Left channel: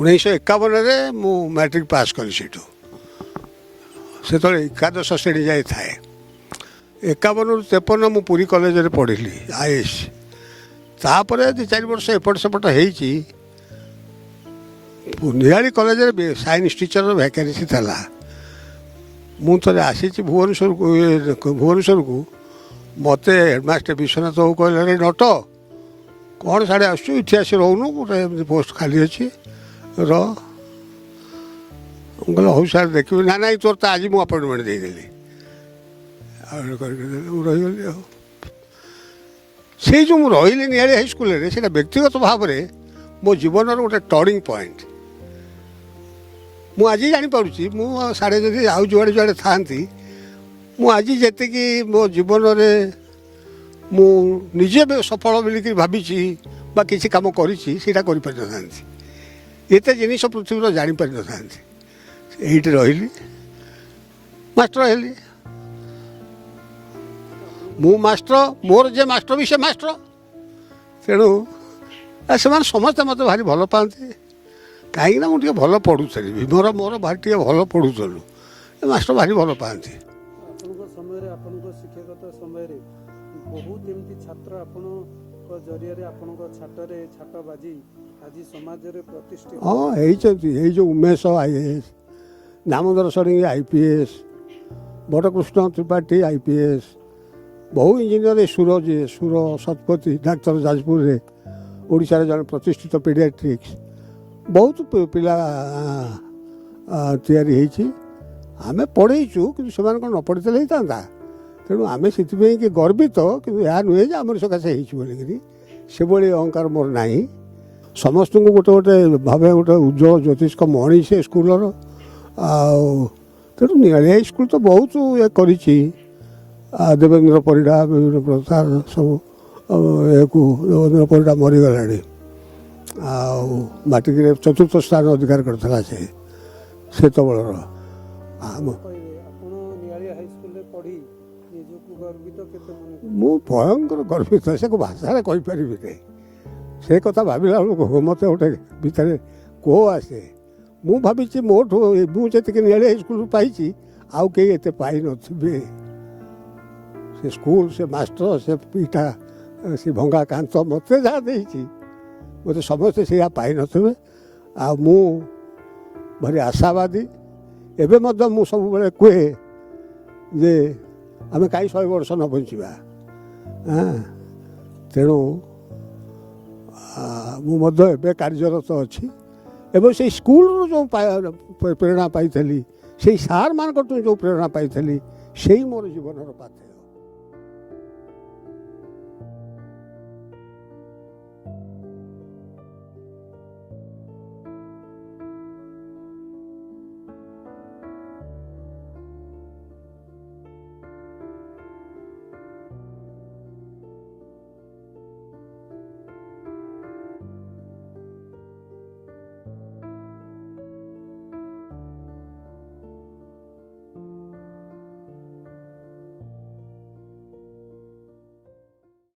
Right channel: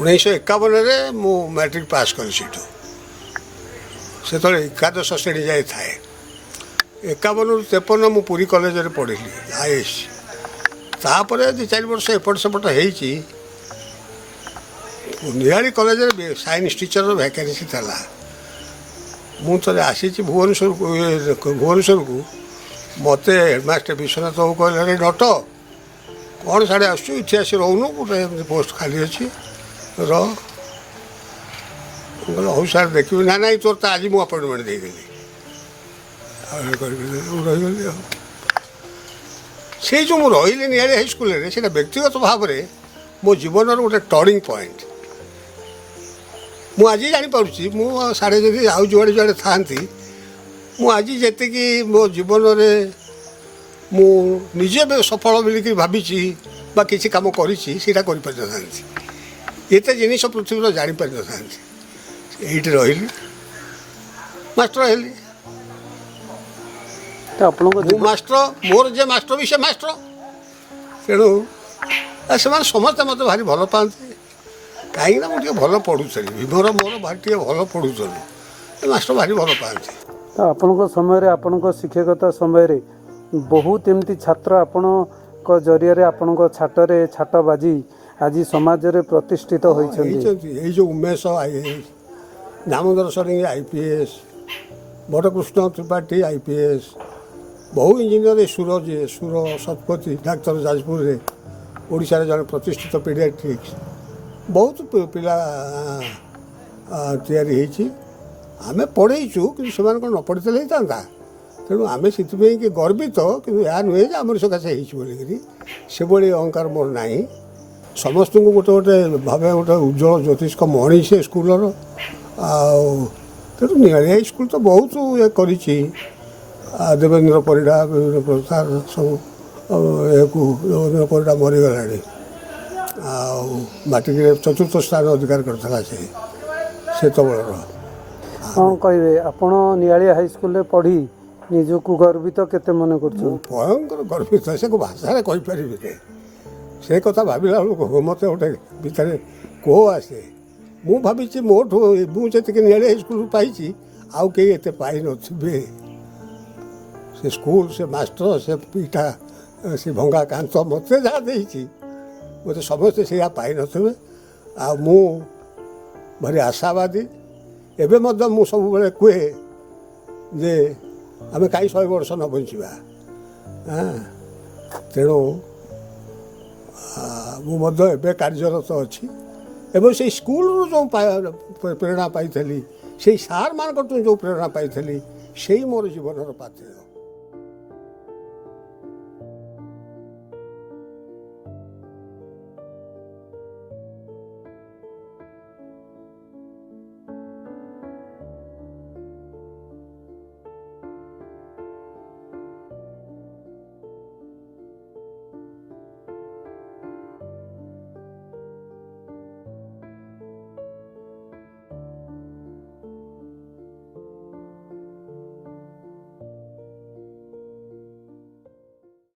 1951 ମୁଁ matric pass କଲି ସେଠୁ। ସେତେବେଳେ ଏକାଦଶ ଶ୍ରେଣୀ ଯାଏ ଥାଏ। 51ରୁ 53 ମୁଁ ପୁରୀ କଲେଜରେ ପଢ଼ିଲି ଆଇଏସ୍। ତାପରେ 2-4 ବର୍ଷ ଏପଟ ସେପଟ ହେଇଛି। ନିଆଳି କଲେଜରେ ସାଇନ୍ସ ଟିଚରର ଭ୍ୟାକେନ୍ସି ଥିଲା। ମୁଁ ଥରେ ଆସିଛି ଭୁବନେଶ୍ୱରକୁ। ମୋତେ ହେଡ଼ମାଷ୍ଟର ବିଶ୍ୱନାଥ ବାବୁ କହିଲେ, ରେ ନଟ କ'ଣ ସାଡ଼େ ଆସୁଛୁ, ଏଠି ଆସି ରହୁନୁ, ଗୋଟେ ପୋଷ୍ଟ ଖାଲି ଅଛି ର। ମୁଁ କହିଲି ହଉ ସାର୍ ଦେଖିବି। ନା ନାଇଁ ତୋର ତ ଆଜି ମୁଁ ଆପଏଣ୍ଟମେଣ୍ଟ ଦେଇଦେଲି। ମୁଁ ରହିଗଲି ଆଉ। ସେଇ ଯେଉଁ ମୁଁ ରହିଲି ନିଆଳି ହାଇସ୍କୁଲରେ, ସେଇଟା ବ୍ୟକ୍ତିଗତ ଭାବରେ ମୋ ଜୀବନର ଗୋଟେ ଟର୍ଣ୍ଣିଂ ପଏଣ୍ଟ। ମୁଁ ଆଜି ଜାଣିପାରୁଛି, ମୁଁ ସାଡ଼େ ଯଦି ଆଉ ଯୁଆଡ଼େ ଯୁଆଡ଼େ ଥାଆନ୍ତି, ମୁଁ ଆଜି ଯେତିକି ମୋ ଜୀବନରେ ମୁଁ ନିଜେ ସଫଳ ବୋଲିକି ଭାବିଛି ବା କିଛି କାମ କରିଛି, ସେଇଟା କରିପାରିନଥାନ୍ତି। ଏତେ ଜିନିଷ ପୃଥିବୀର ଜାଣିପାରିନଥାନ୍ତି। ଏଇଠି ରହିଲି, ମାଷ୍ଟର ହେଲି। ମୁଁ ମାଷ୍ଟର, ମୋର ଯେ ମାଷ୍ଟର ବି ସେ ମାଷ୍ଟର। ତେଣୁ ସେମାନେ ସମସ୍ତେ ମୋତେ ଭାରି ଭଲ ପାଆନ୍ତି। କାହିଁକିନା ମୁଁ ଟିକେ ଭଲ ପଢ଼ୁଥିଲି। ମୋର ଭାରି ଟିକେ ଭଲ ପଢ଼ୁଥିଲି। ମାଷ୍ଟର ଭାରି ଭଲ ପାଆନ୍ତି। ତ ଆପଣଙ୍କ ସମୟରେ, ଆପଣଙ୍କ ଶିକ୍ଷକତା ସମୟରେ ବହୁତ ଏମିତି ଛାତ୍ର ଆପଣଙ୍କ ଜରିଆରେ, ଆପଣଙ୍କ ଛାଟରେ ଛାଟ ବାଜି ଆଜି ସମାଜରେ ପ୍ରତିଷ୍ଠିତ ହେଇଛନ୍ତି। ଏଇ ଯେଉଁ Umesh IAS, Damodar Sadangi IPS, Badakrushna Tripathy IPS, ବହୁ ଇଞ୍ଜିନିୟର, ସୁର ଶତପଥୀ ଡାକ୍ତର ଯାଜପୁରରେ, ଓଡ଼ିଶାରେ ଜଣେ ପ୍ରତିଷ୍ଠିତ ପିଡ଼ିଆଟ୍ରିକ୍ସ, ବହୁତ ପିଲା ତିଆରି ହେଇଛି। ଆମେ ପଢ଼େଇଛୁ, କିନ୍ତୁ ସେମାନଙ୍କୁ ନ ପଢ଼ିଥିଲେ ହେଇଥାନ୍ତା। ତେଣୁ ଆମେ ସେଥିପାଇଁ କି ଗର୍ବିତ। କିନ୍ତୁ ଏହା ନୁହେଁ ଯେ ଆମର ସକାଶେ ହେଇଛି ବୋଲିକିରି, ସେଭଳି ଅହଙ୍କାର ମୋର ନାହିଁ। ସମସ୍ତଙ୍କୁ ଗୋଟେ ଭାବେ ଗୋଟେ ଉଜ୍ଜଳ ଜ୍ୟୋତିଷ୍କ ମଣି ସେ ସ୍କୁଲର। ଆଉ ତେଣୁ ନିଆଳି ହାଇସ୍କୁଲ ତ ବହୁତ କରିଛି। ଦେବେନ୍ଦ୍ର ପରିଡ଼ା, ବିଭିନ୍ନ ପ୍ରକାର ସବୁ ଦେବେନ୍ଦ୍ର ପରିଡ଼ା ମରିଗଲାଣି। ଆଉ ମାଟ୍ରିକରେ 4ର୍ଥ ସ୍ଥାନ ଅଧିକାର କରିଥିଲା ସେତେବେଳର। କ'ଣ କହିବେ, ଆପଣ ନିଆଳି ହାଇସ୍କୁଲରେ ପଢ଼ି ନିଜକୁ ଗର୍ବିତ କେତେ ମନେ କରୁଛନ୍ତି? ମୁଁ ଭୟଙ୍କର ଗର୍ବିତ, ସେ ଭାଷାରେ କହିପାରିବିନି। ସେ କଥା ଭାବିଲା ବେଳକୁ ମୋତେ ଗୋଟେ ଭିତରେ କୋହ ଆସେ। ମୁଁ ଭାବିଛି ମୋଠୁ ମୁଁ ଯେତିକି ନିଆଳି ହାଇସ୍କୁଲ ପାଇଛି, ଆଉ କେହି ଏତେ ପାଇନଥିବେ। ସେ ସ୍କୁଲ, ସେ ମାଷ୍ଟର, ସେ ପିଠା, ସେ ଭଙ୍ଗା କାନ୍ଥ ମୋତେ ଯାହା ଦେଇଛି, ମୋତେ ସମସ୍ତେ ସେଇଆ ପାଇନଥିବେ। ଆଉ ମୁଁ ଭାରି ଆଶାବାଦୀ। ଏବେ ମଧ୍ୟ ମୁଁ ସବୁବେଳେ କୁହେ ଯେ ଆମେ କାହିଁ 100 ବର୍ଷ ନ ବଞ୍ଚିବା। ତେଣୁ ମୁଁ ମଧ୍ୟ ଏବେ କାର୍ଯ୍ୟରତ ଅଛି। ଏବଂ ସେଇ ସ୍କୁଲରୁ ଯେଉଁ ପ୍ରେରଣା ପାଇଥିଲି, ସେଇ ସାର୍ମାନଙ୍କଠୁ ଯେଉଁ ପ୍ରେରଣା ପାଇଥିଲି, ସେଇ ମୋର ଜୀବନର ପାଥେୟ।